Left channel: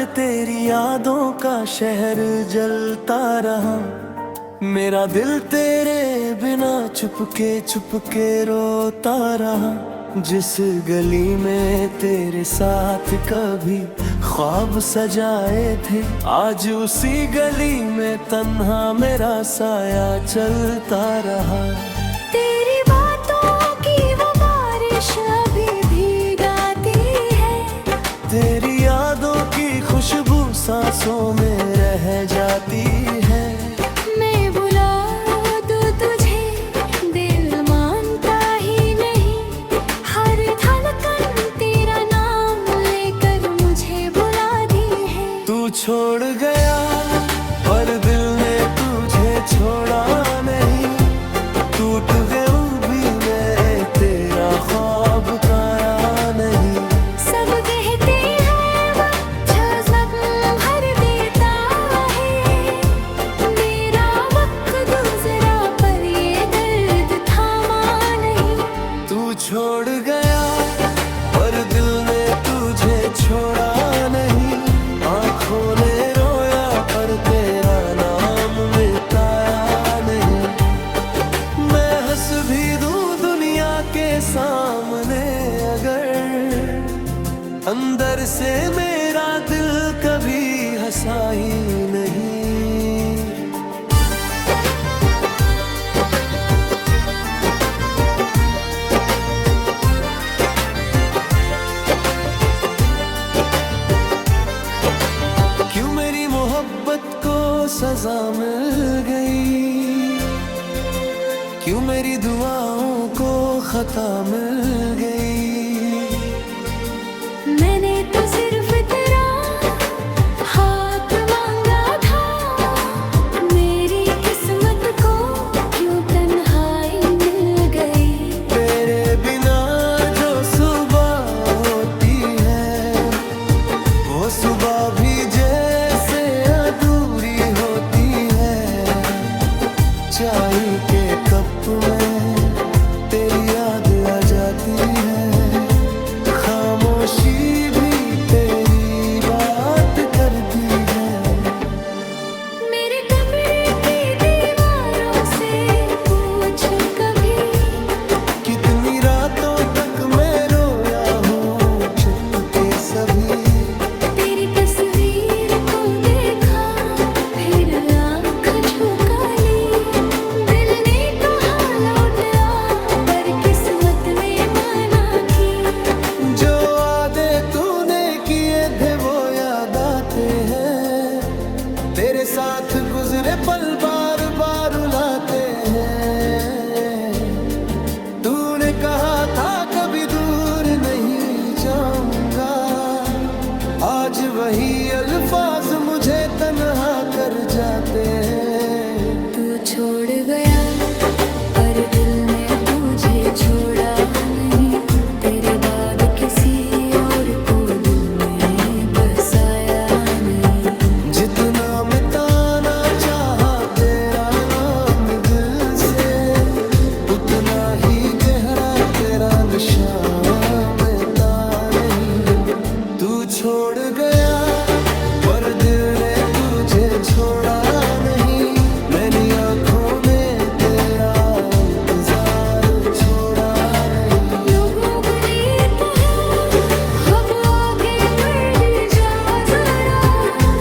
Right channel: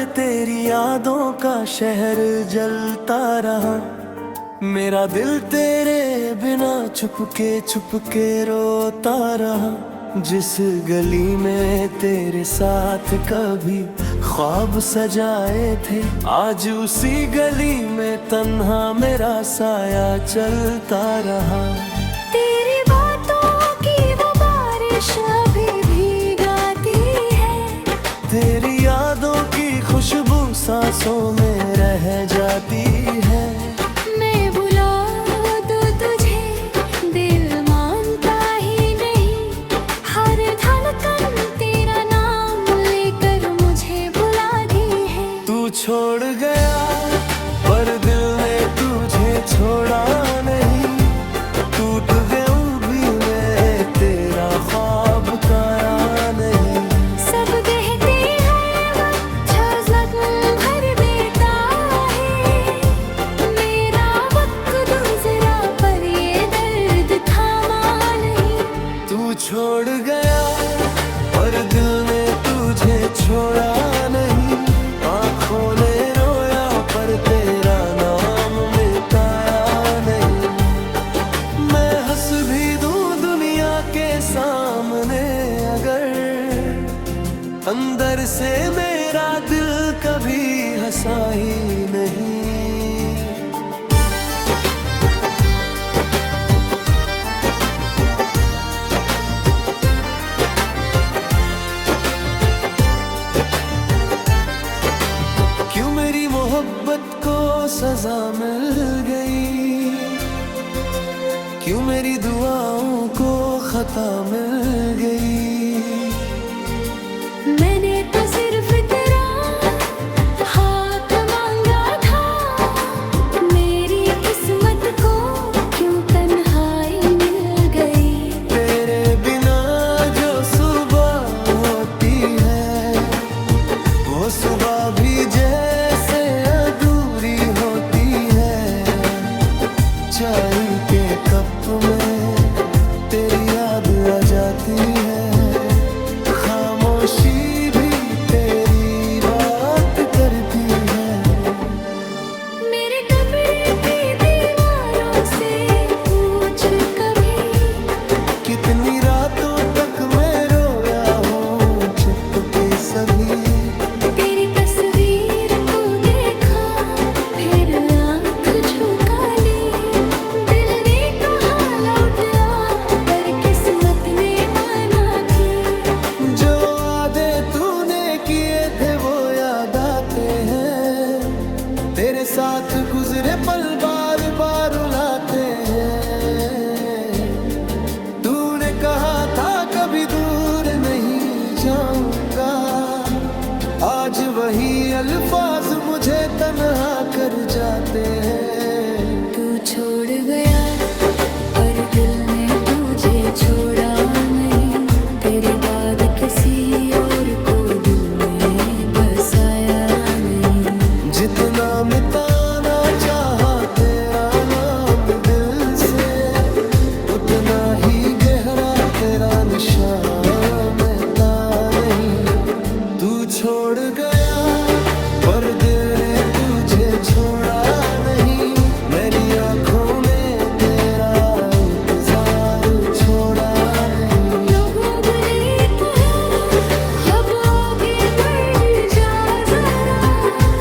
पर तेरी यादों का शहर जलता रहा। मेरा दिल तेरे बिना चुपके रोता रहा। जिस गली में तेरे साथ कभी ख्वाब सजाए थे, आज उसी गली में तन्हा मेरा साया चलता रहा। तेरी बातों की वो बारिश अभी भीगाती है, तेरी यादों की खुशबू सांसों में रह जाती है। मैं बुला दूं तुझे, दिल मानता ही नहीं। हर धड़कन तेरा नाम लेकर मुझे बुलाती है। तू छोड़ गया पर दिल ने तुझे छोड़ा नहीं। टूट गया भी मैं, तेरा ख्वाब काया नहीं। सब कहते हैं वक्त जज्बात भर देता है, मेरा वक्त गुजरा पर ये दर्द थामा नहीं। तू छोड़ गया पर दिल ने तुझे छोड़ा नहीं। आँखों ने रोया पर तेरा नाम मिटाया नहीं। मैं हंस भी दूं दुनिया के सामने अगर, अंदर से मेरा दिल कभी हंसा ही नहीं। क्यों मेरी मोहब्बत को सजा मिल गई, क्यों मेरी दुआओं को खता मिल गई। मैंने तो सिर्फ तेरा हाथ मांगा था, मेरी किस्मत को क्यों तन्हाई मिल गई। तेरे बिना जो सुबह होती है, वो सुबह भी जैसे अधूरी होती है। चाय के कप में तेरी याद आ जाती है, खामोशी भी तेरी बात करती है। मेरे कमरे की दीवारों से पूछ कभी, कितनी रातों तक मैं रोया हूँ चुपके सभी। तेरी तस्वीर को देखा फिर आँख झुका ली। दिल ने कहा लौट आ, पर किस्मत ने माना की। जो वादे तूने किए थे वो याद आते हैं, तेरे साथ गुजरे पल बार बार रुलाते हैं। तूने कहा था कभी दूर नहीं जाऊंगा, आज वही अल्फाज मुझे तन्हा कर जाते हैं। तू छोड़ गया पर दिल ने तुझे छोड़ा नहीं। तेरे बाद किसी और को दिल में बसाया नहीं। जितना मिटाना चाहा तेरा नाम दिल से, उतना ही गहरा तेरा निशान मिटा नहीं। तू छोड़ गया पर दिल ने तुझे छोड़ा नहीं। मेरी आँखों ने तेरा इंतजार छोड़ा नहीं। लोगों ने कहा अब आगे बढ़ जा जरा,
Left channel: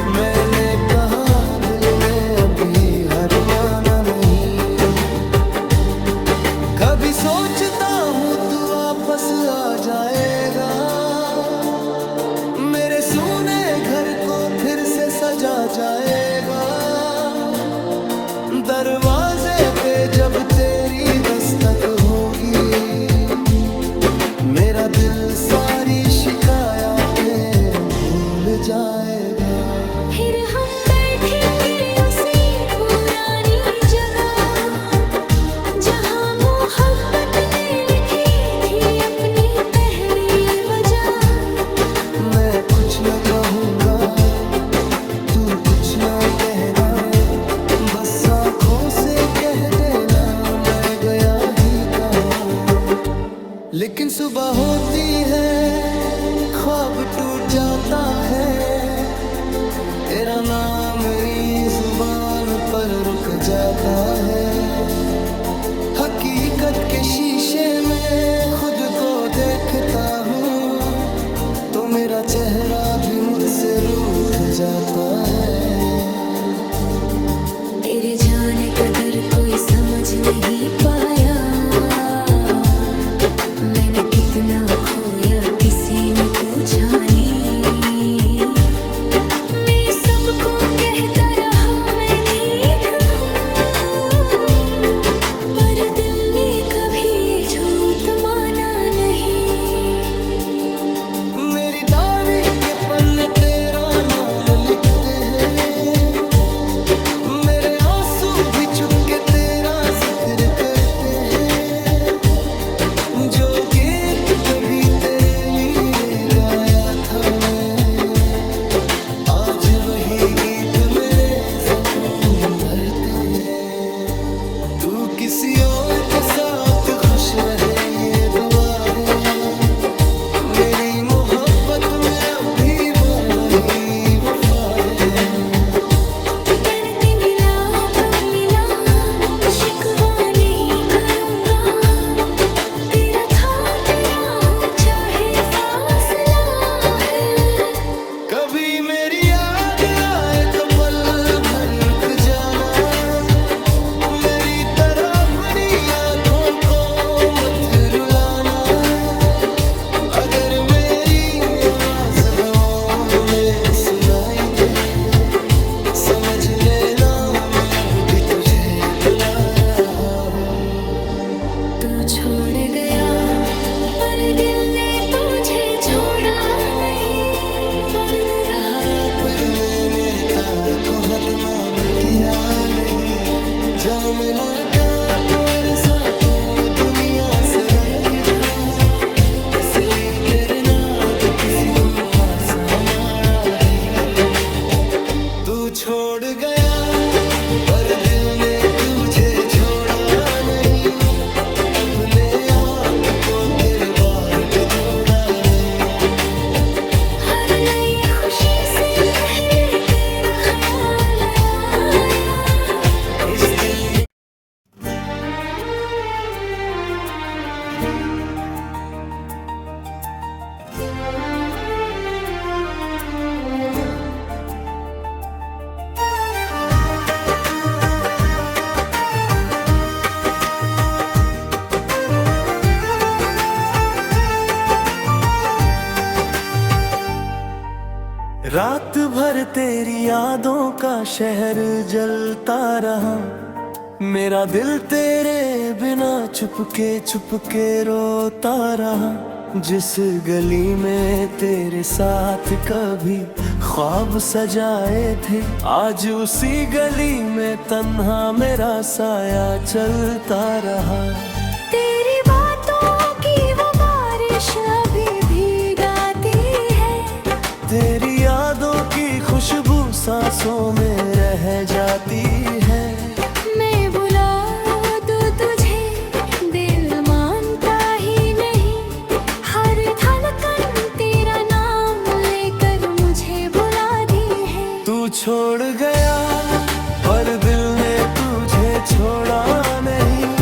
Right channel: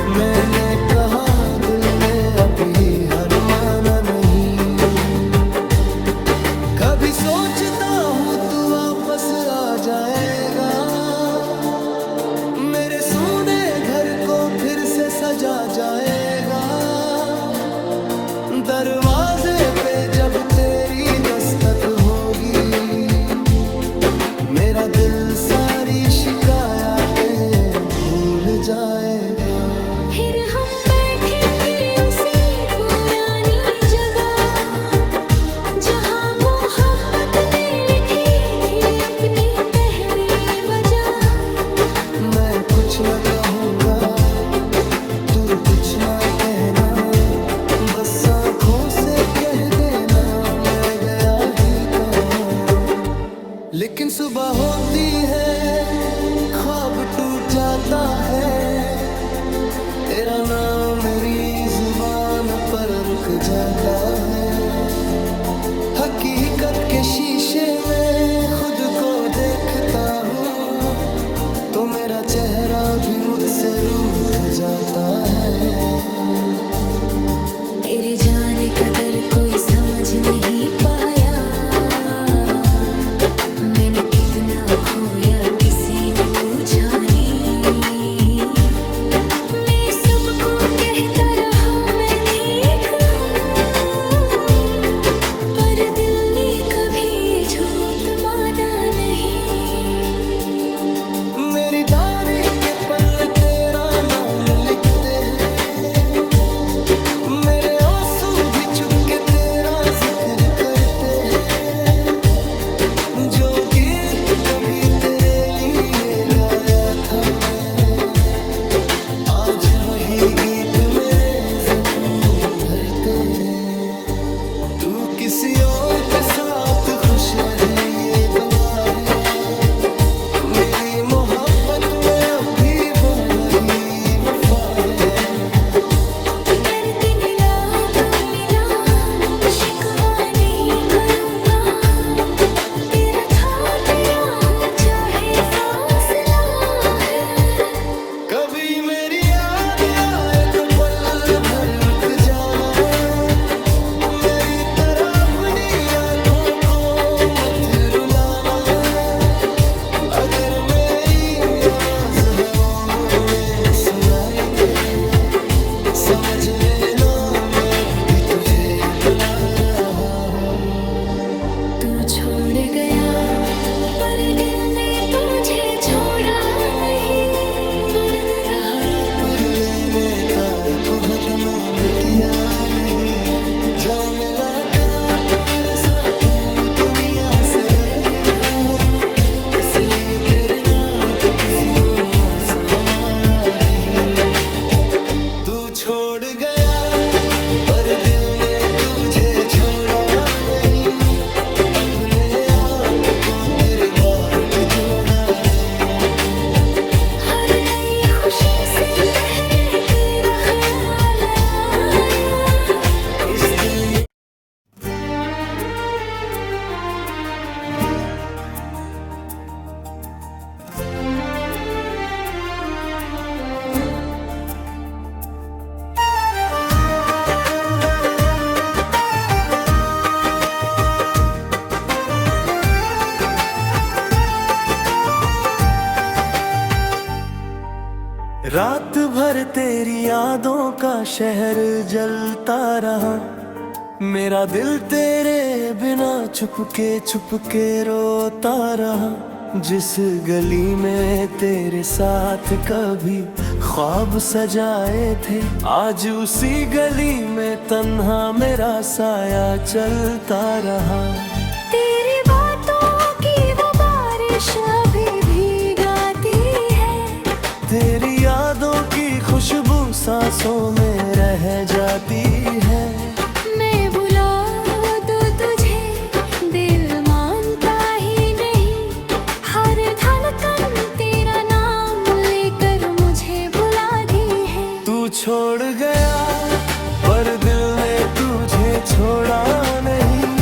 मैंने कहा दिल में अभी हार माना नहीं। कभी सोचता हूँ तू वापस आ जाएगा, मेरे सूने घर को फिर से सजा जाएगा। दरवाजे पे जब तेरी दस्तक होगी, मेरा दिल सारी शिकायतें भूल जाएगा। फिर हम बैठेंगे उसी पुरानी जगह, जहाँ मोहब्बत ने लिखी थी अपनी पहली वजह। मैं कुछ न कहूँगा, तू कुछ न कहना, बस आँखों से कह देना मैं गया ही कहाँ। लेकिन सुबह होती है ख्वाब टूट जाता है, तेरा नाम मेरी जुबान पर रुक जाता है। हकीकत के शीशे में खुद को देखता हूँ तो मेरा चेहरा भी मुझसे रूठ जाता है। तेरे जाने कदर कोई समझ नहीं पाया, मैंने कितना खोया किसी ने पूछा नहीं। मैं सबको कहता रहा मैं ठीक हूँ, पर दिल ने कभी ये झूठ माना नहीं। मेरी डायरी के पन्ने तेरा नाम लिखते हैं, मेरे आंसू भी चुपके तेरा जिक्र करते हैं। जो गीत कभी तेरे लिए गाया था मैं, आज वही गीत मेरे जख्म भरते हैं। तू किसी और के साथ खुश रहे ये दुआ है, मेरी मोहब्बत में अब भी वही वफा है। दर्द मिला तो मिला, शिकवा नहीं करूँगा, तेरा था तेरा हूँ चाहे फासला है। कभी मेरी याद आए तो पल भर रुक जाना, मेरी तरह अपनी आँखों को मत रुलाना। अगर मेरी आवाज हवाओं में सुनाई दे, समझ लेना मैं अब भी तुझे बुला रहा हूँ। तू छोड़ गया पर दिल ने तुझे छोड़ा नहीं। दर्द रहा पर मैंने तार को हतमाम किया नहीं। जा मिला का पर सा तू दुनिया से अलग था, इसलिए तेरे नाद किसी को आसा मारा नहीं। तू छोड़ गया पर दिल ने तुझे छोड़ा नहीं, अपने आप को तेरे बार भी जोड़ा नहीं। हर नई खुशी से पहले तेरा ख्याल आया इस दिल में। रात भर तेरी यादों का शहर जलता रहा, मेरा दिल तेरे बिना चुपके रोता रहा। जिस गली में तेरे साथ कभी ख्वाब सजाए थे, आज उसी गली में तन्हा मेरा साया चलता रहा। तेरी बातों की वो बारिश अभी भीगाती है, तेरी यादों की खुशबू सांसों में रह जाती है। मैं बुला दूं तुझे दिल मानता ही नहीं, हर धड़कन तेरा नाम लेकर मुझे बुलाती है। तू छोड़ गया पर दिल ने तुझे छोड़ा नहीं,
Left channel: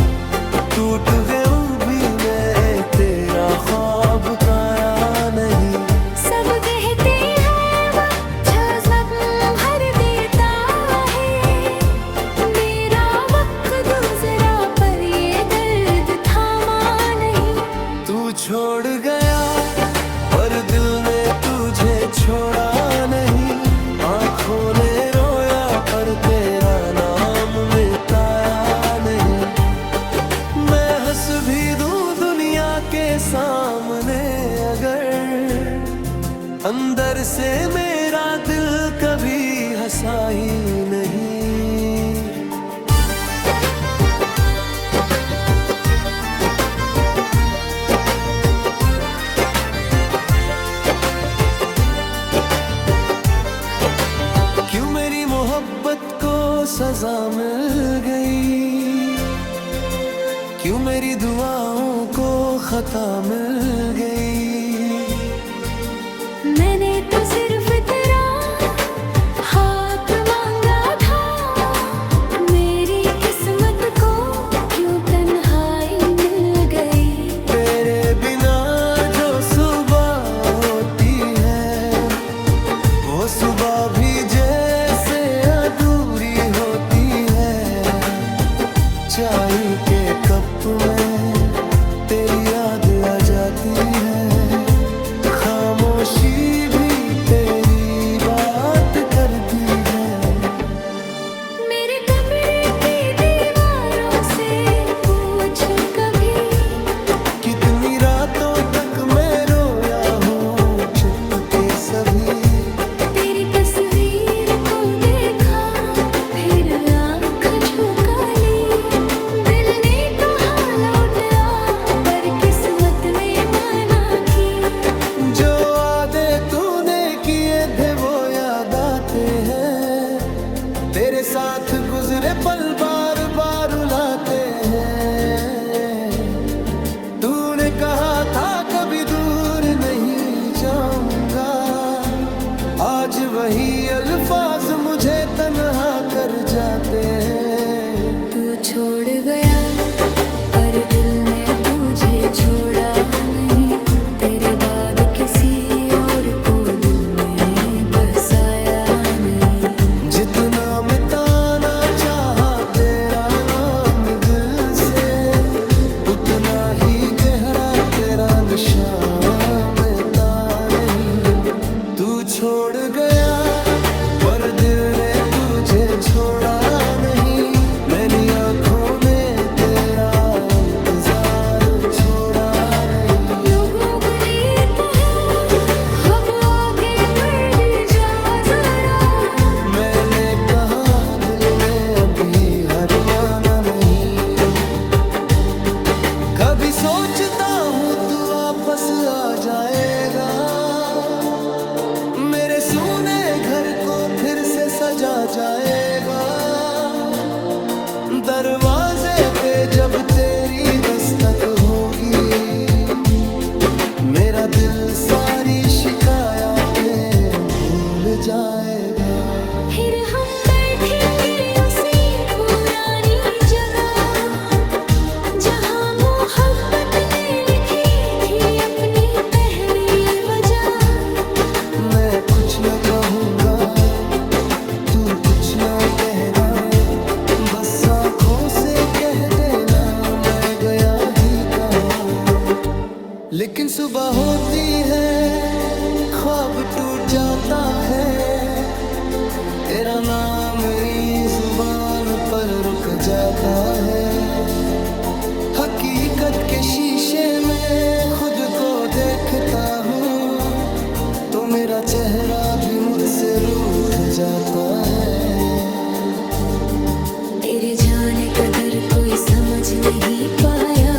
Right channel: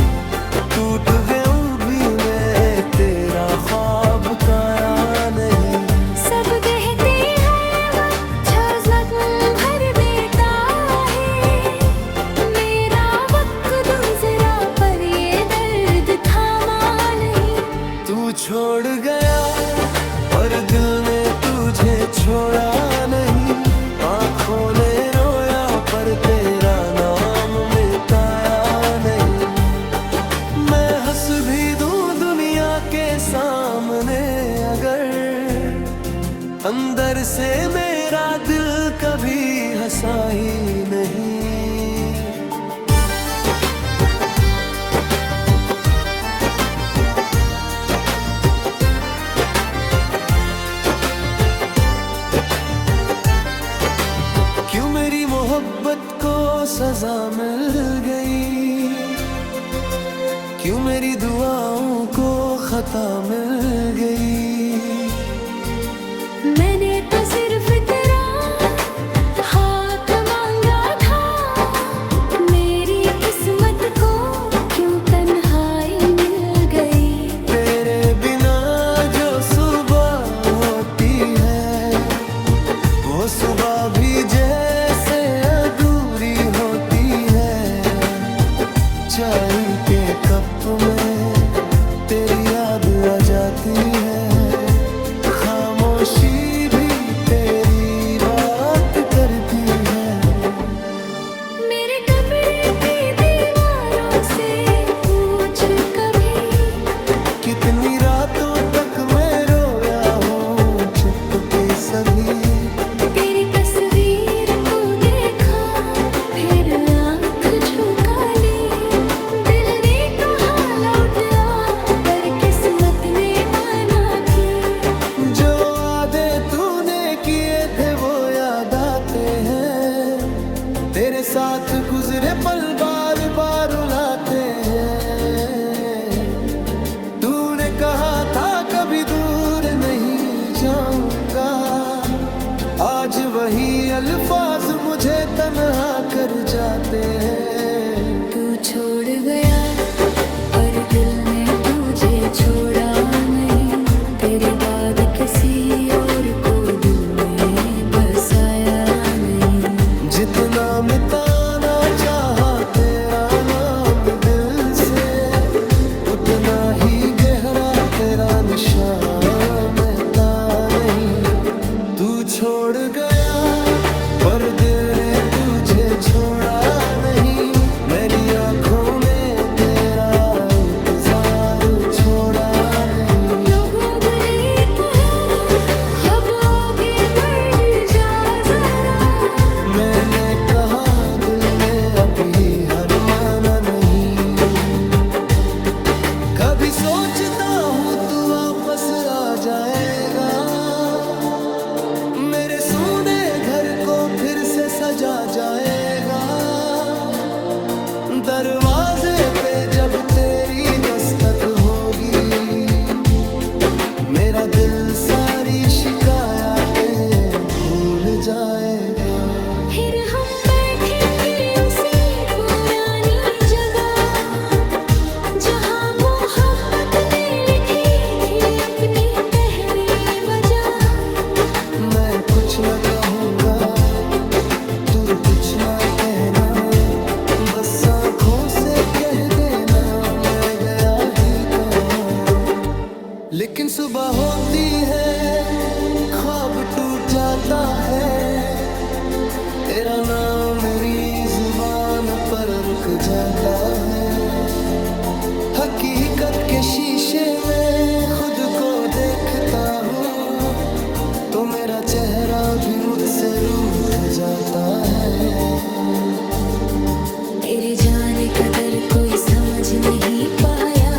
टूट गया भी मैं तेरा ख्वाब काया नहीं। सब कहते हैं वक्त जज्बात भर देता है, मेरा वक्त गुजरा पर ये दर्द थामा नहीं। तू छोड़ गया पर दिल ने तुझे छोड़ा नहीं, आँखों ने रोया पर तेरा नाम मिटाया नहीं। मैं हंस भी दूं दुनिया के सामने अगर, अंदर से मेरा दिल कभी हंसा ही नहीं। क्यों मेरी मोहब्बत को सजा मिल गई, क्यों मेरी दुआओं को खता मिल गई। मैंने तो सिर्फ तेरा चाय के कप में तेरी याद आ जाती है, खामोशी भी तेरी बात करती है। मेरे कमरे की दीवारों से पूछ कभी, कितनी रातों तक मैं रोया हूँ चुपके सभी। तेरी तस्वीर को देखा फिर आँख झुका ली, दिल ने कहा लौट आ पर किस्मत ने माना की। जो वादे तूने किए थे वो याद आते हैं, तेरे साथ गुजरे पल बार बार रुलाते हैं। तूने कहा था कभी दूर नहीं जाऊंगा, आज वही अल्फाज मुझे तन्हा कर जाते हैं। तू छोड़ गया पर दिल ने तुझे छोड़ा नहीं, तेरे बाद किसी और को दिल में बसाया नहीं। जितना मिटाना चाहा तेरा नाम दिल से, उतना ही गहरा तेरा निशान मिटा नहीं। तू छोड़ गया पर दिल ने तुझे छोड़ा नहीं, मेरी आंखों ने तेरा इंतजार छोड़ा नहीं। लोगों ने कहा अब आगे बढ़ जा जरा, मैंने कहा दिल में अभी हार माना नहीं। कभी सोचता हूँ तू वापस आ जाएगा, मेरे सूने घर को फिर से सजा जाएगा। दरवाजे पे जब तेरी दस्तक होगी, मेरा दिल सारी शिकायतें भूल जाएगा। फिर हम बैठेंगे उसी पुरानी जगह जहाँ मोहब्बत ने लिखी थी अपनी पहली वजह। मैं कुछ न कहूँगा तू कुछ ना कहना, बस आँखों से कह देना मैं गया ही कहाँ। लेकिन सुबह होती है ख्वाब टूट जाता है, तेरा नाम मेरी जुबान पर रुक जाता है। हकीकत के शीशे में खुद को देखता हूँ, तो मेरा चेहरा भी मुझसे रूठ जाता है। तेरे जाने कदर कोई समझ नहीं पाया,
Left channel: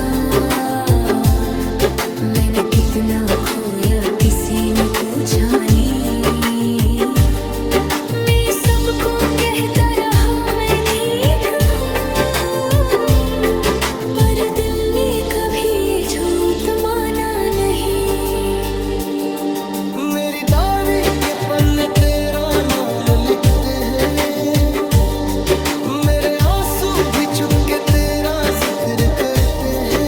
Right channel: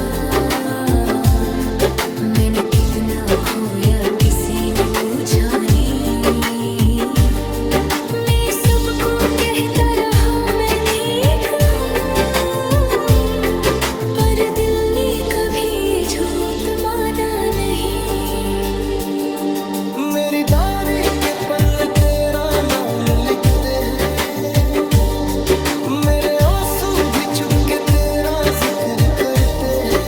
मैंने कितना खोया किसी ने पूछा नहीं। मैं सबको कहता रहा मैं ठीक हूँ, पर दिल ने कभी ये झूठ माना नहीं। मेरी डायरी के पन्ने तेरा नाम लिखते हैं, मेरे आंसू भी चुपके तेरा जिक्र करते हैं।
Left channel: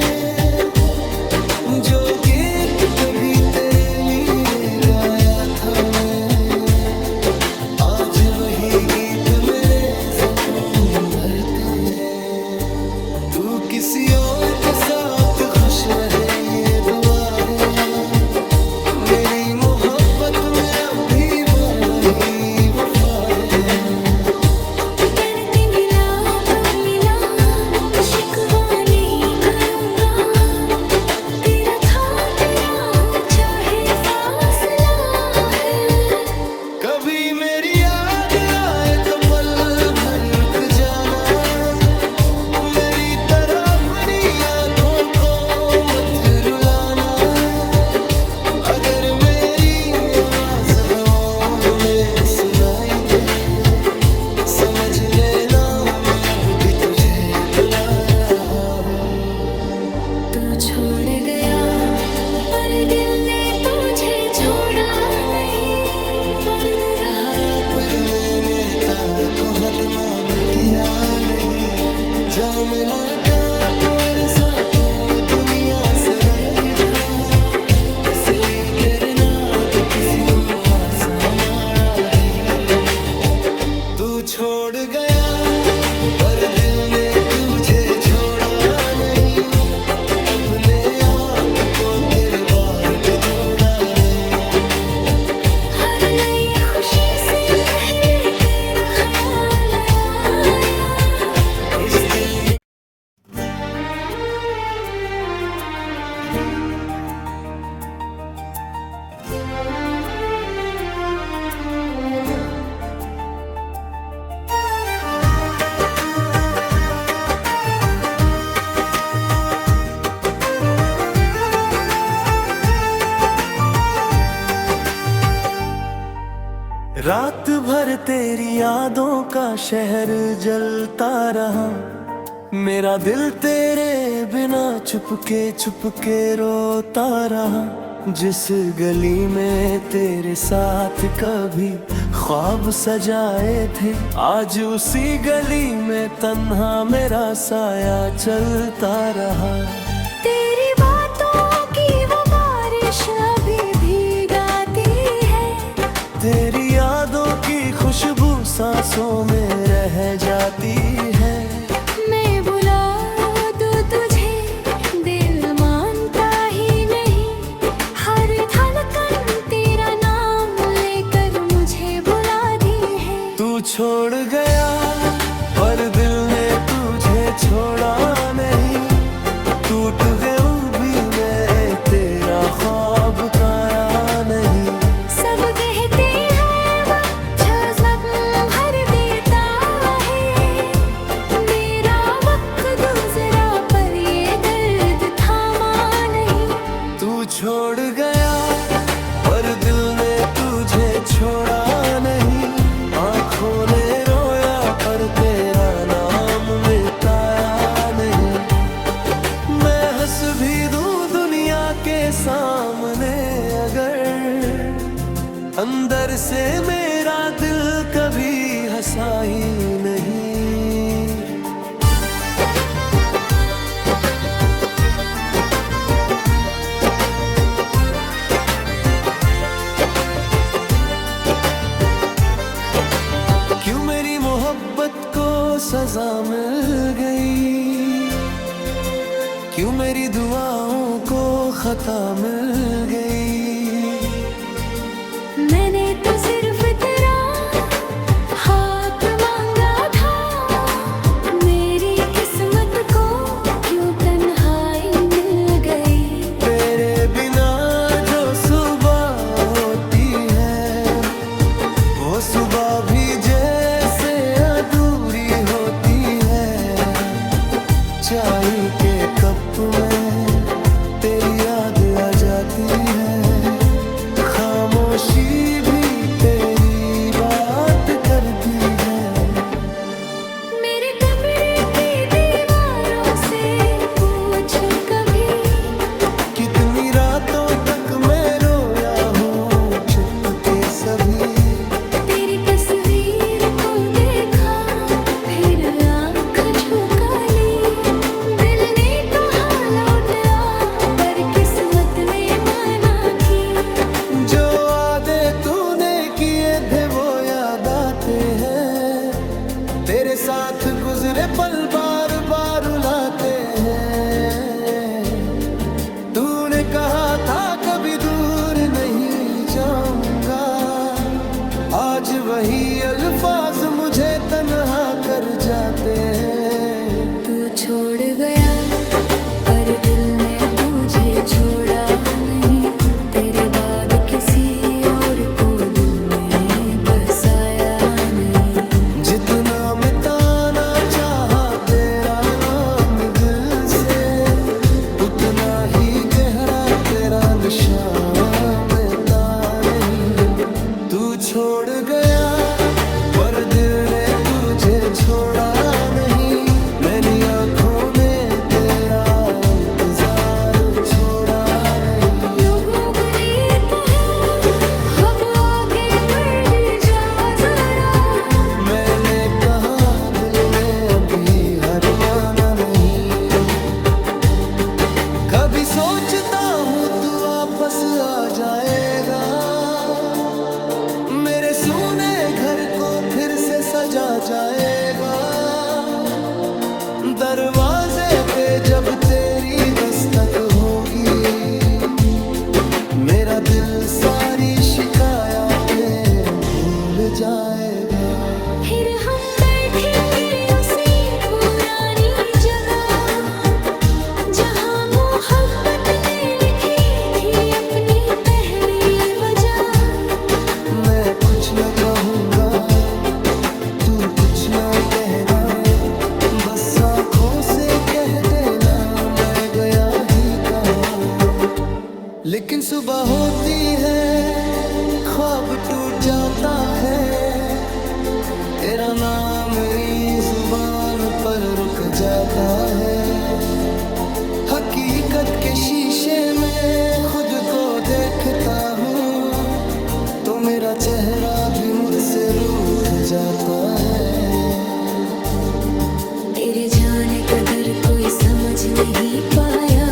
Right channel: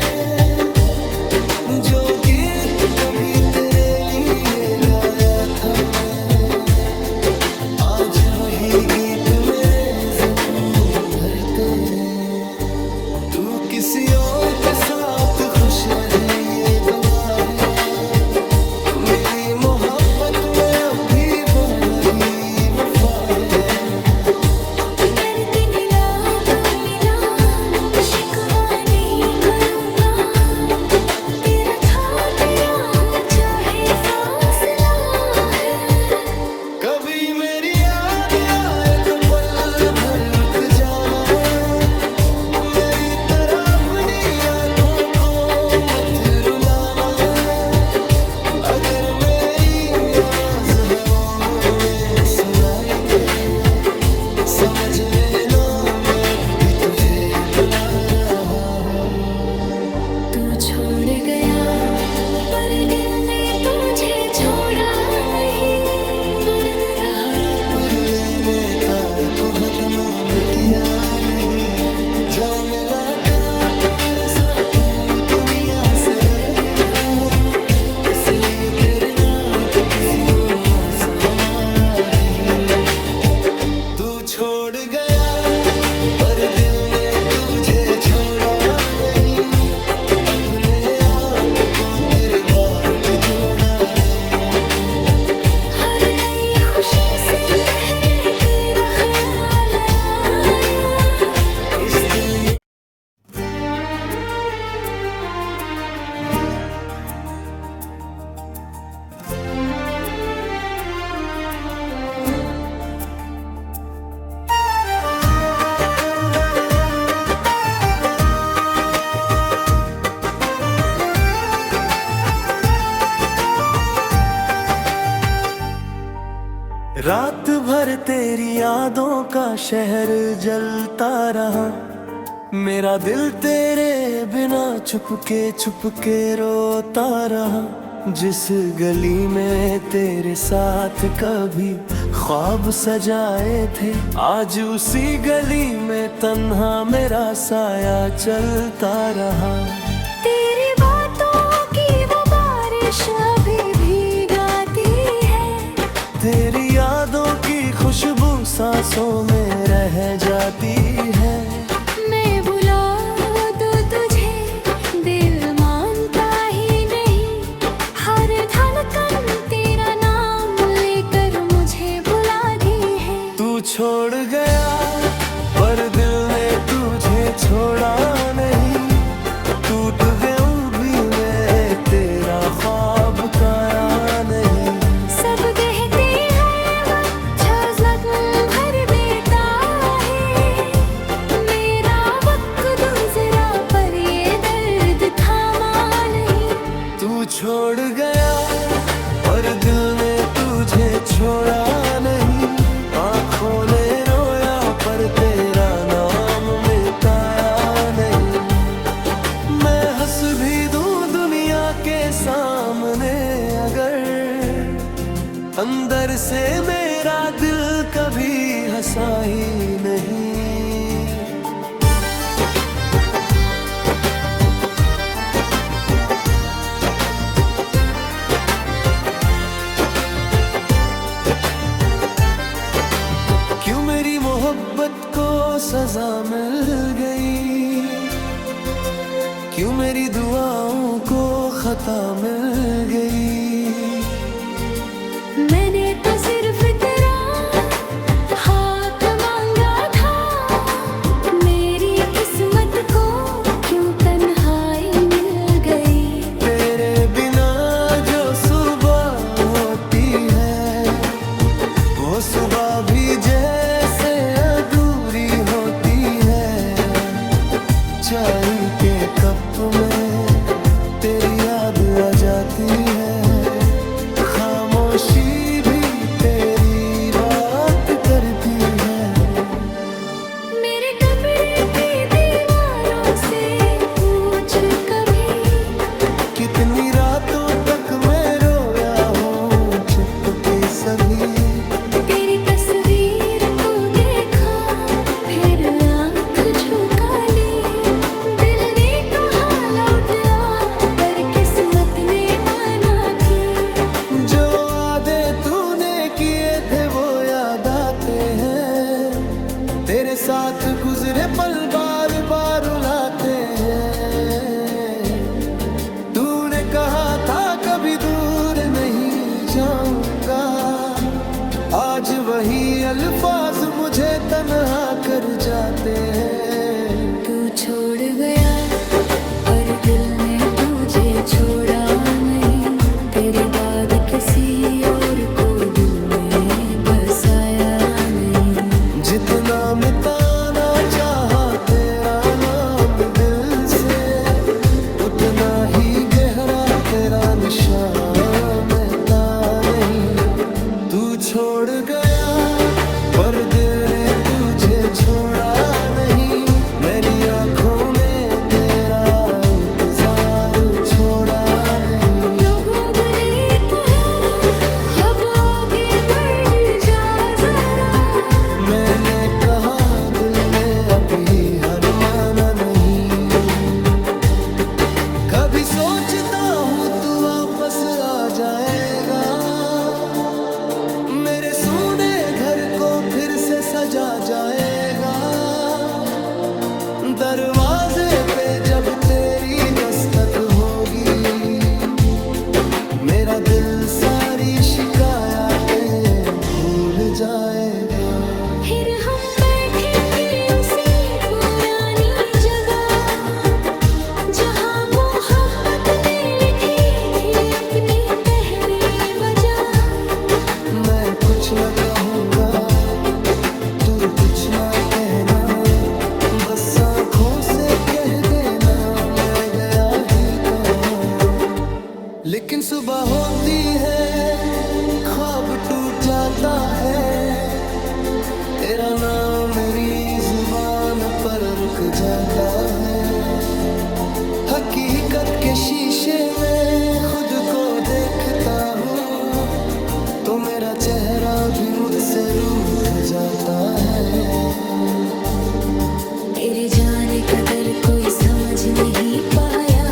जो गीत कभी तेरे लिए गाया था मैं, आज वही गीत मेरे जख्म भरते हैं। तू किसी और के साथ खुश रहे ये दुआ है, मेरी मोहब्बत में अब भी वही वफा है। शिकवा नहीं करूंगा, तेरा था तेरा हूँ चाहे फासला है। कभी मेरी याद आए तो पल भर रुक जाना, मेरी तरह अपनी आंखों को मत रुलाना। अगर मेरी आवाज हवाओं में सुनाई दे, समझ लेना मैं अब भी तुझे बुला रहा हूँ। तू छोड़ गया पर दिल ने तुझे छोड़ा नहीं, दर्द रहा पर मैंने तार को हतमाम किया नहीं। जा मिला का पर सा तू दुनिया से रख था, इसलिए तेरे नाद किसी को आसा मारा नहीं। तू छोड़ गया पर दिल ने तुझे तेरी यादों का शहर जलता रहा। मेरा दिल तेरे बिना चुपके रोता रहा। जिस गली में तेरे साथ कभी ख्वाब सजाए थे, आज उसी गली में तन्हा मेरा साया चलता रहा। तेरी बातों की वो बारिश अभी भीगाती है, तेरी यादों की खुशबू सांसों में रह जाती है। मैं बुला दूं तुझे, दिल मानता ही नहीं। हर धड़कन तेरा नाम लेकर मुझे बुलाती है। तू छोड़ गया पर दिल ने तुझे छोड़ा नहीं। टूट गया भी मैं, तेरा ख्वाब काया नहीं। सब कहते हैं वक्त जज्बात भर देता है, मेरा वक्त गुजरा पर ये दर्द थामा नहीं। तू छोड़ गया पर दिल ने तुझे छोड़ा नहीं। आँखों ने रोया पर तेरा नाम मिटाया नहीं। मैं हंस भी दूं दुनिया के सामने अगर, अंदर से मेरा दिल कभी हंसा ही नहीं। क्यों मेरी मोहब्बत को सजा मिल गई, क्यों मेरी दुआओं को खता मिल गई। मैंने तो सिर्फ तेरा हाथ मांगा था, मेरी किस्मत को क्यों तन्हाई मिल गई। तेरे बिना जो सुबह होती है, वो सुबह भी जैसे अधूरी होती है। चाय के कप में तेरी याद आ जाती है, खामोशी भी तेरी बात करती है। मेरे कमरे की दीवारों से पूछ कभी, कितनी रातों तक मैं रोया हूँ चुपके सभी। तेरी तस्वीर को देखा फिर आँख झुका ली। दिल ने कहा लौट आ पर किस्मत ने माना की। जो वादे तूने किए थे वो याद आते हैं, तेरे साथ गुजरे पल बार बार रुलाते हैं। तूने कहा था कभी दूर नहीं जाऊंगा, आज वही अल्फाज मुझे तन्हा कर जाते हैं। तू छोड़ गया पर दिल ने तुझे छोड़ा नहीं। तेरे बाद किसी और को दिल में बसाया नहीं। जितना मिटाना चाहा तेरा नाम दिल से, उतना ही गहरा तेरा निशान मिटा नहीं। तू छोड़ गया पर दिल ने तुझे छोड़ा नहीं। मेरी आँखों ने तेरा इंतजार छोड़ा नहीं। लोगों ने कहा अब आगे बढ़ जा जरा, मैंने कहा दिल में अभी हर माना नहीं। कभी सोचता हूँ तू वापस आ जाएगा, मेरे सूने घर को फिर से सजा जाएगा। दरवाजे पे जब तेरी दस्तक होगी, मेरा दिल सारी शिकायतें भूल जाएगा। फिर हम बैठेंगे उसी पुरानी जगह, जहाँ मोहब्बत ने लिखी थी अपनी पहली वजह। मैं कुछ न कहूँगा, तू कुछ न कहना, बस आँखों से कह देना मैं गया ही कहाँ। लेकिन सुबह होती है, ख्वाब टूट जाता है, तेरा नाम मेरी जुबान पर रुक जाता है। हकीकत के शीशे में खुद को देखता हूँ तो मेरा चेहरा भी मुझसे रूठ जाता है। तेरे जाने कदर कोई समझ नहीं पाया,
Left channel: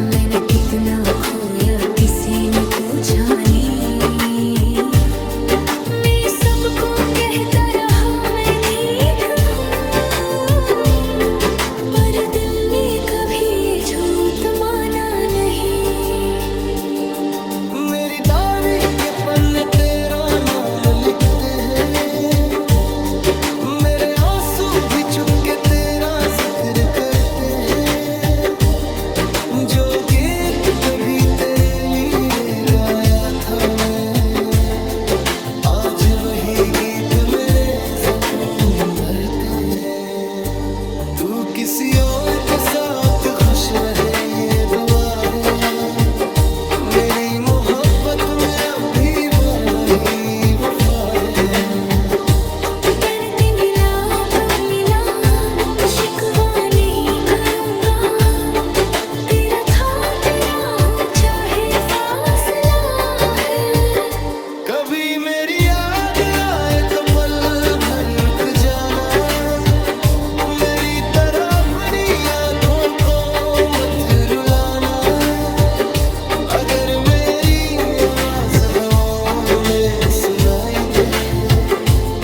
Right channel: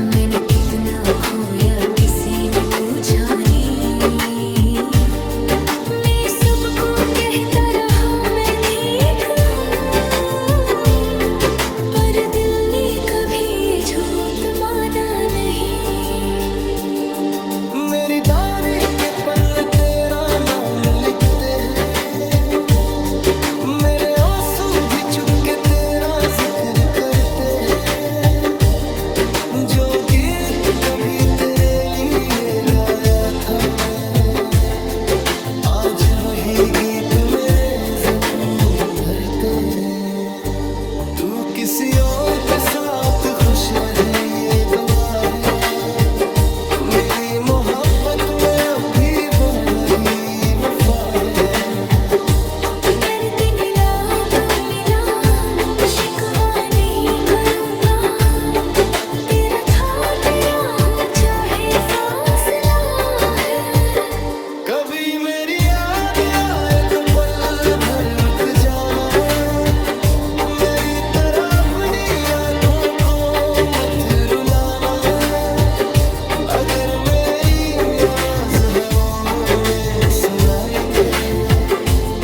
मैंने कितना खोया किसी ने पूछा नहीं। मैं सबको कहता रहा मैं ठीक हूँ, पर दिल ने कभी ये झूठ माना नहीं। मेरी डायरी के पन्ने तेरा नाम लिखते हैं, मेरे आंसू भी चुपके तेरा जिक्र करते हैं। जो गीत कभी तेरे लिए गाया था मैं, आज वही गीत मेरे जख्म भरते हैं। तू किसी और के साथ खुश रहे ये दुआ है, मेरी मोहब्बत में अब भी वही वफा है। दर्द मिला तो मिला, शिकवा नहीं करूँगा, तेरा था तेरा हूँ चाहे फासला है। कभी मेरी याद आए तो पल भर रुक जाना, मेरी तरह अपनी आँखों को मत रुलाना। अगर मेरी आवाज हवाओं में सुनाई दे,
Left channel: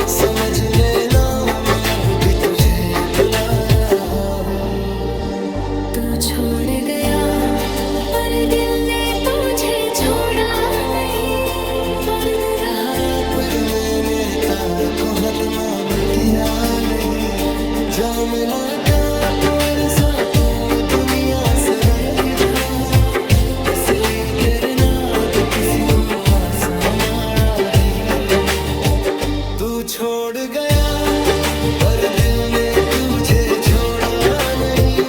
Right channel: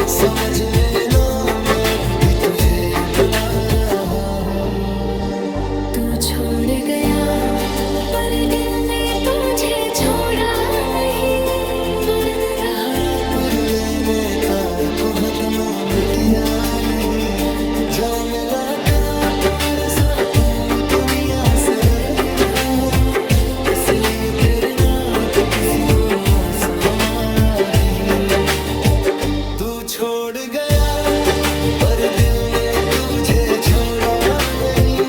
समझ लेना मैं अब भी तुझे बुला रहा हूँ। तू छोड़ गया पर दिल ने तुझे छोड़ा नहीं। दर्द रहा पर मैंने तार को हतमाम किया नहीं। जा मिला था पर सा तू दुनिया से अलग था, इसलिए तेरे नाद किसी को आसा मारा नहीं। तू छोड़ गया पर दिल ने तुझे छोड़ा नहीं,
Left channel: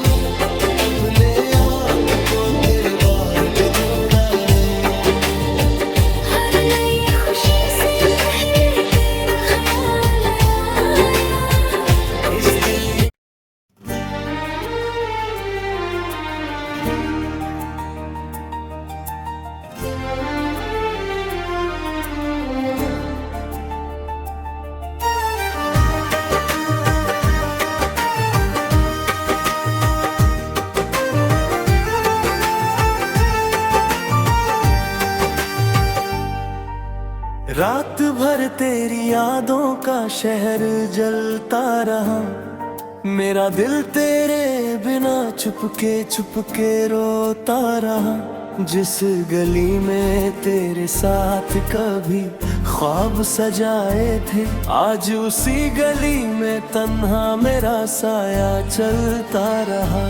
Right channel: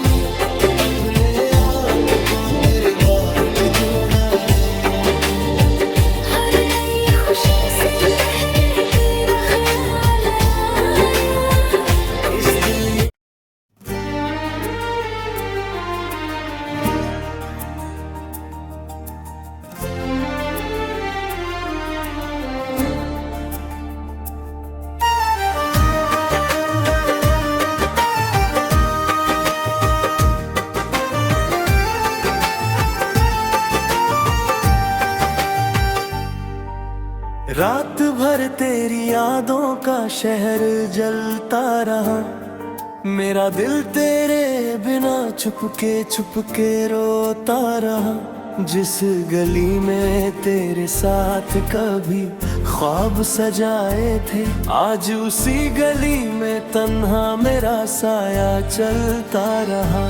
अपने आप को तेरे बार भी जोड़ा नहीं। हर नई खुशी से पहले तेरा ख्याल आया, इस दिल ने रात भर तेरी यादों का शहर जलता रहा, मेरा दिल तेरे बिना चुपके रोता रहा। जिस गली में तेरे साथ कभी ख्वाब सजाए थे, आज उसी गली में तन्हा मेरा साया चलता रहा।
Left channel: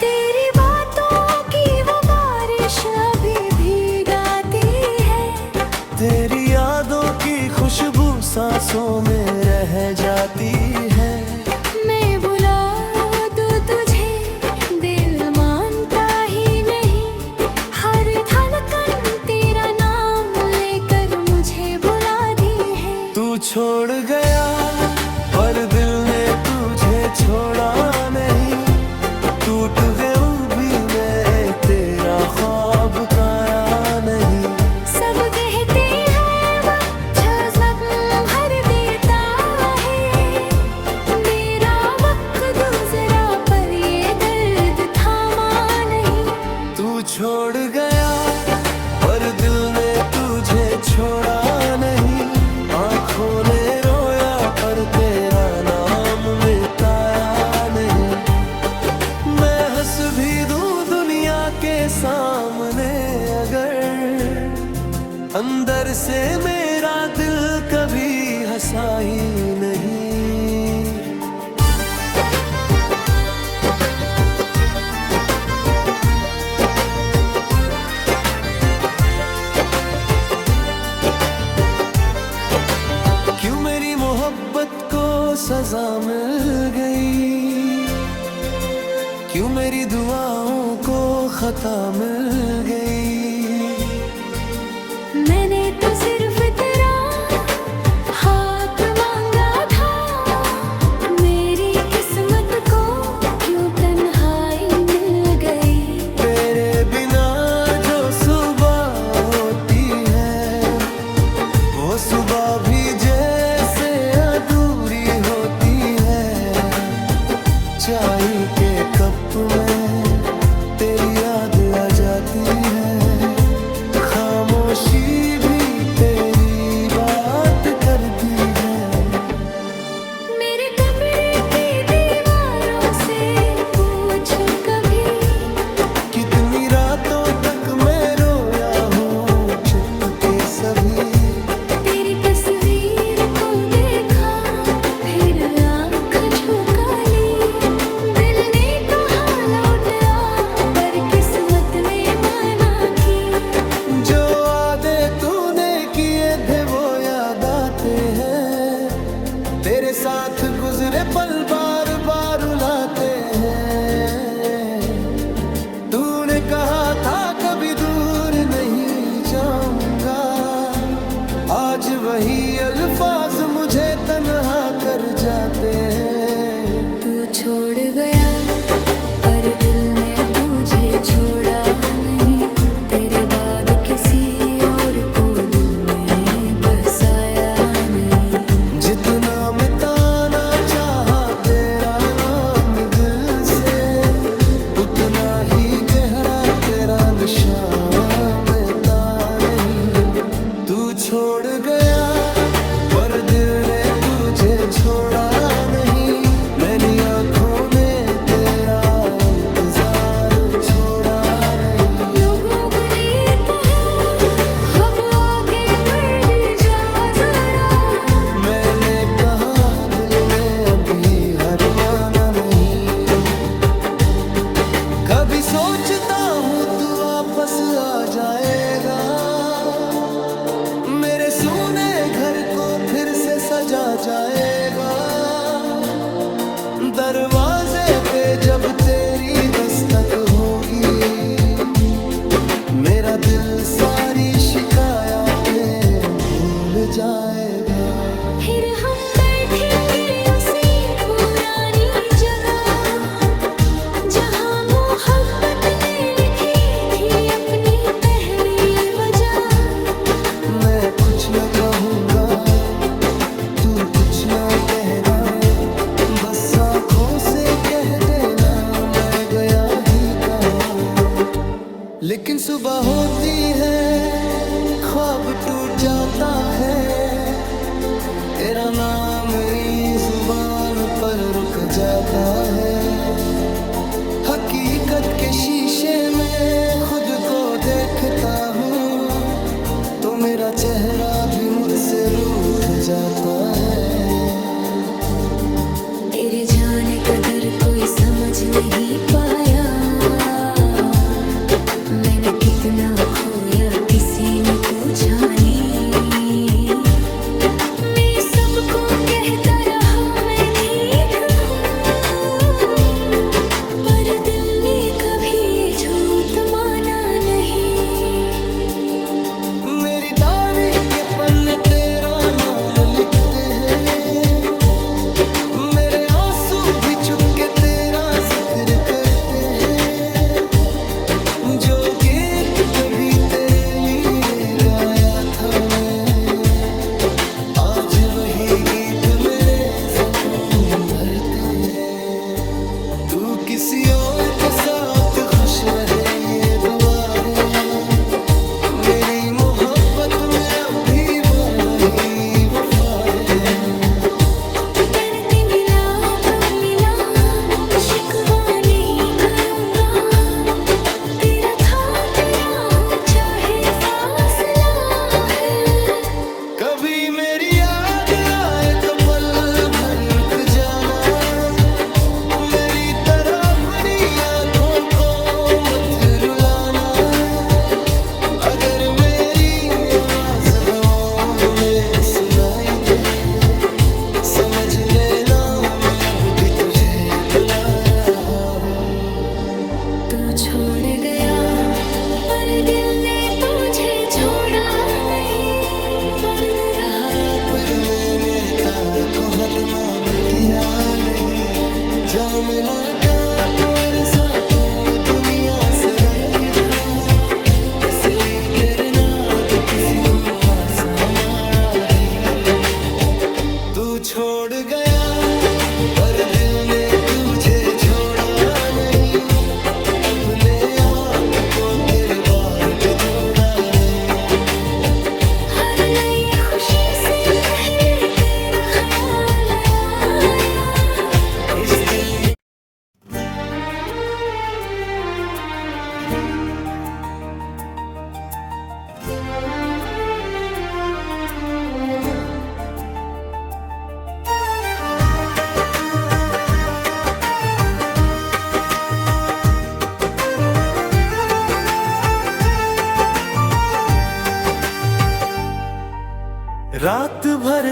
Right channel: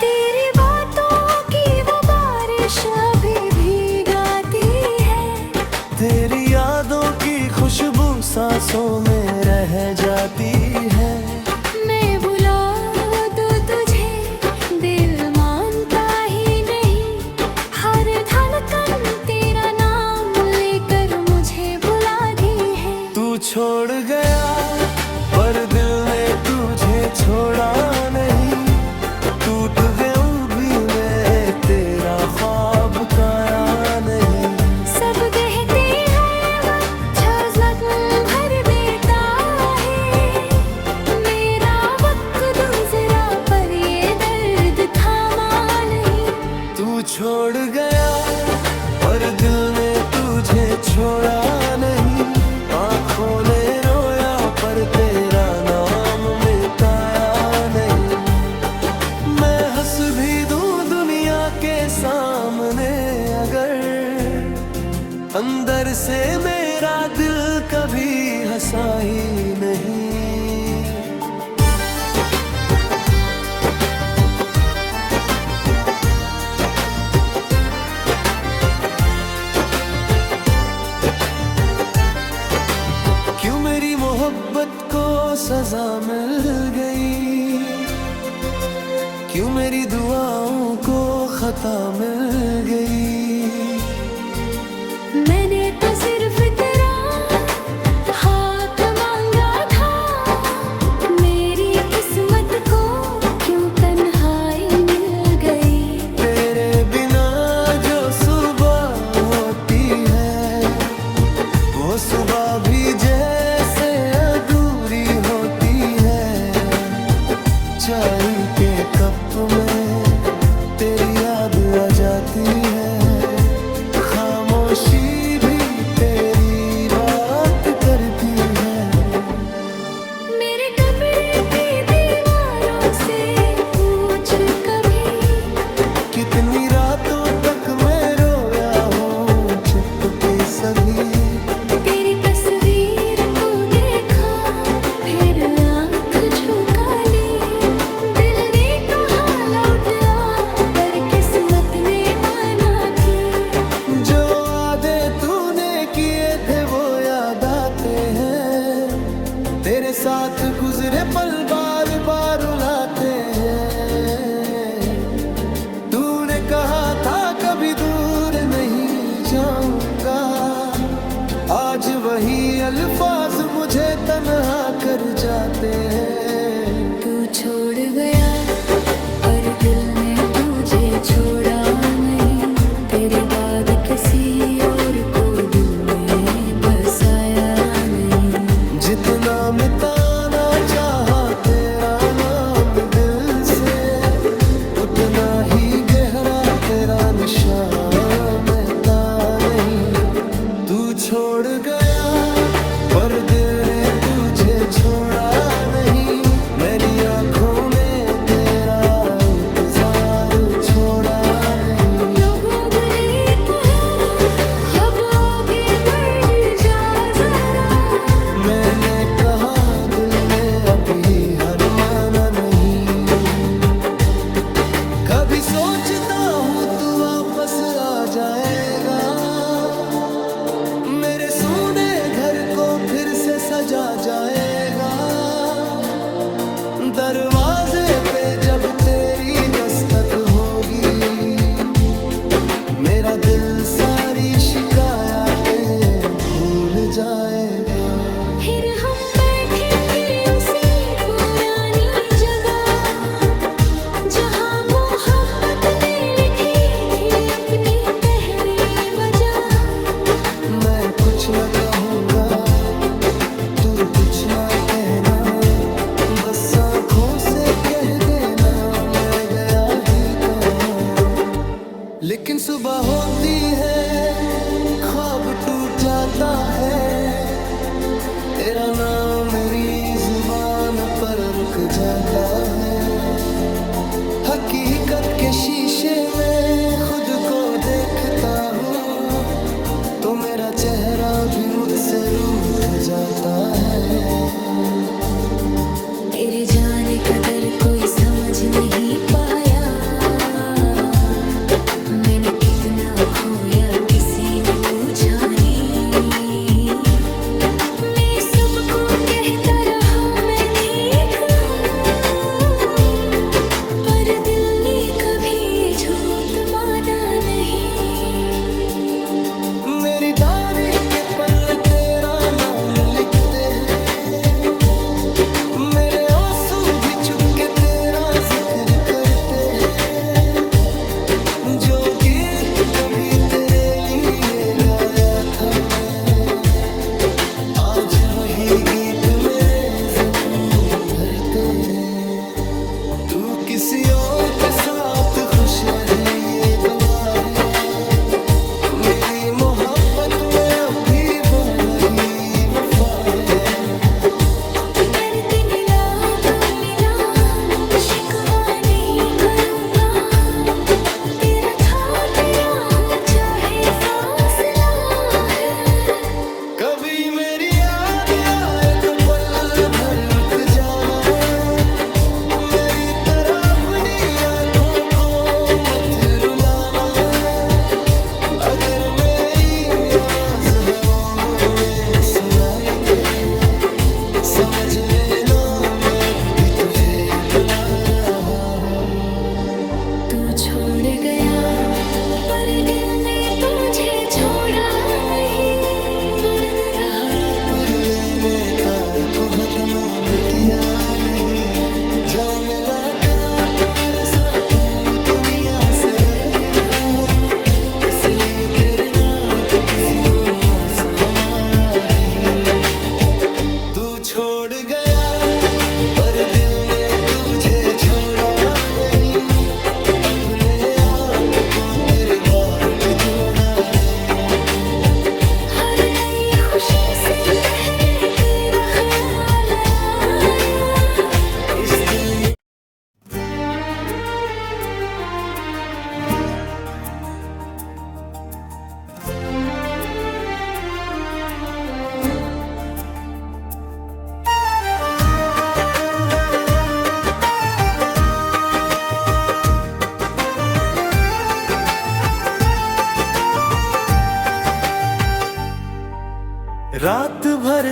तेरी बातों की वो बारिश अभी भीगाती है, तेरी यादों की खुशबू सांसों में रह जाती है। मैं बुला दूं तुझे दिल मानता ही नहीं, हर धड़कन तेरा नाम लेकर मुझे बुलाती है। तू छोड़ गया पर दिल ने तुझे छोड़ा नहीं, टूट गया भी मैं तेरा ख्वाब काया नहीं। सब कहते हैं वक्त जख्म भर देता है, मेरा वक्त गुजरा पर ये दर्द थामा नहीं। तू छोड़ गया पर दिल ने तुझे छोड़ा नहीं, आँखों ने रोया पर तेरा नाम मिटाया नहीं। मैं हंस भी दूं दुनिया के सामने अगर, अंदर से मेरा दिल कभी हंसा ही नहीं। क्यों मेरी मोहब्बत को सजा मिल गई, क्यों मेरी दुआओं को खता मिल गई। मैंने तो सिर्फ तेरा चाय के कप में तेरी याद आ जाती है, खामोशी भी तेरी बात करती है। मेरे कमरे की दीवारों से पूछ कभी, कितनी रातों तक मैं रोया हूँ चुपके सभी। तेरी तस्वीर को देखा फिर आँख झुका ली, दिल ने कहा लौट आ पर किस्मत ने माना की। जो वादे तूने किए थे वो याद आते हैं, तेरे साथ गुजरे पल बार बार रुलाते हैं। तूने कहा था कभी दूर नहीं जाऊंगा, आज वही अल्फाज मुझे तन्हा कर जाते हैं। तू छोड़ गया पर दिल ने तुझे छोड़ा नहीं, तेरे बाद किसी और को दिल में बसाया नहीं। जितना मिटाना चाहा तेरा नाम दिल से, उतना ही गहरा तेरा निशान मिटा नहीं। तू छोड़ गया पर दिल ने तुझे छोड़ा नहीं, मेरी आँखों ने तेरा इंतजार छोड़ा नहीं। लोगों ने कहा अब आगे बढ़ जा जरा, मैंने कहा दिल में अभी हार माना नहीं। कभी सोचता हूँ तू वापस आ जाएगा, मेरे सूने घर को फिर से सजा जाएगा। दरवाजे पे जब तेरी दस्तक होगी, मेरा दिल सारी शिकायतें भूल जाएगा। फिर हम बैठेंगे उसी पुरानी जगह जहाँ मोहब्बत ने लिखी थी अपनी पहली वजह। मैं कुछ न कहूँगा तू कुछ ना कहना, बस आँखों से कह देना मैं गया ही कहाँ। लेकिन सुबह होती है ख्वाब टूट जाता है, तेरा नाम मेरी जुबान पर रुक जाता है। हकीकत के शीशे में खुद को देखता हूँ, तो मेरा चेहरा भी मुझसे रूठ जाता है। तेरे जाने कदर कोई समझ नहीं पाया, मैंने कितना खोया किसी ने पूछा नहीं। मैं सबको कहता रहा मैं ठीक हूँ, पर दिल ने कभी ये झूठ माना नहीं। मेरी डायरी के पन्ने तेरा नाम लिखते हैं, मेरे आंसू भी चुपके तेरा जिक्र करते हैं। जो गीत कभी तेरे लिए गाया था मैं, आज वही गीत मेरे जख्म भरते हैं। तू किसी और के साथ खुश रहे ये दुआ है, मेरी मोहब्बत में अब भी वही वफा है। कभी मेरी याद आए तो पल भर रुक जाना, मेरी तरह अपनी आँखों को मत रुलाना। अगर मेरी आवाज हवाओं में सुनाई दे, समझ लेना मैं अब भी तुझे बुला रहा हूँ। तू छोड़ गया पर दिल ने तुझे छोड़ा नहीं, दर्द रहा पर मैंने तार को हतमाम किया नहीं। जा मिला का पर सा तू दुनिया से डर था, इसलिए तेरे नाद किसी को आसा मारा नहीं। तू छोड़ गया पर दिल ने तुझे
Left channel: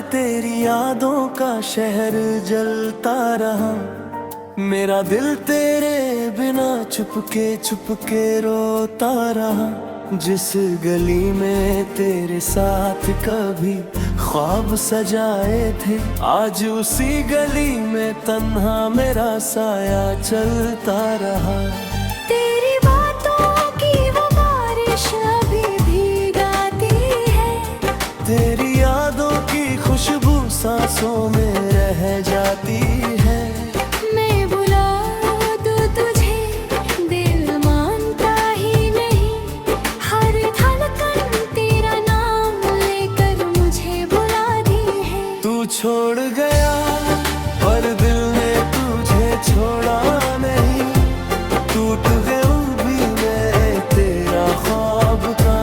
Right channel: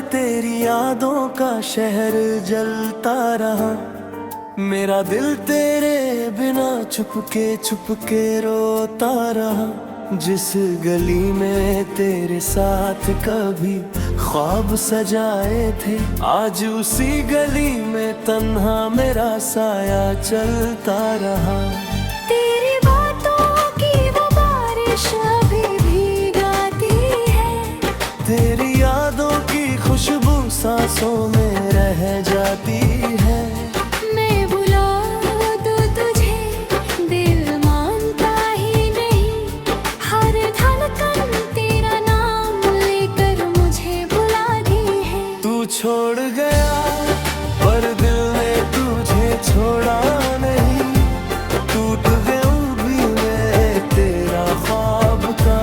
तेरी यादों का शहर जलता रहा। मेरा दिल तेरे बिना चुपके रोता रहा। जिस गली में तेरे साथ कभी ख्वाब सजाए थे, आज उसी गली में तन्हा मेरा साया चलता रहा। तेरी बातों की वो बारिश अभी भीगाती है, तेरी यादों की खुशबू सांसों में रह जाती है। मैं बुला दूं तुझे, दिल मानता ही नहीं, हर धड़कन तेरा नाम लेकर मुझे बुलाती है। तू छोड़ गया पर दिल ने तुझे छोड़ा नहीं, टूट गया भी मैं तेरा ख्वाब का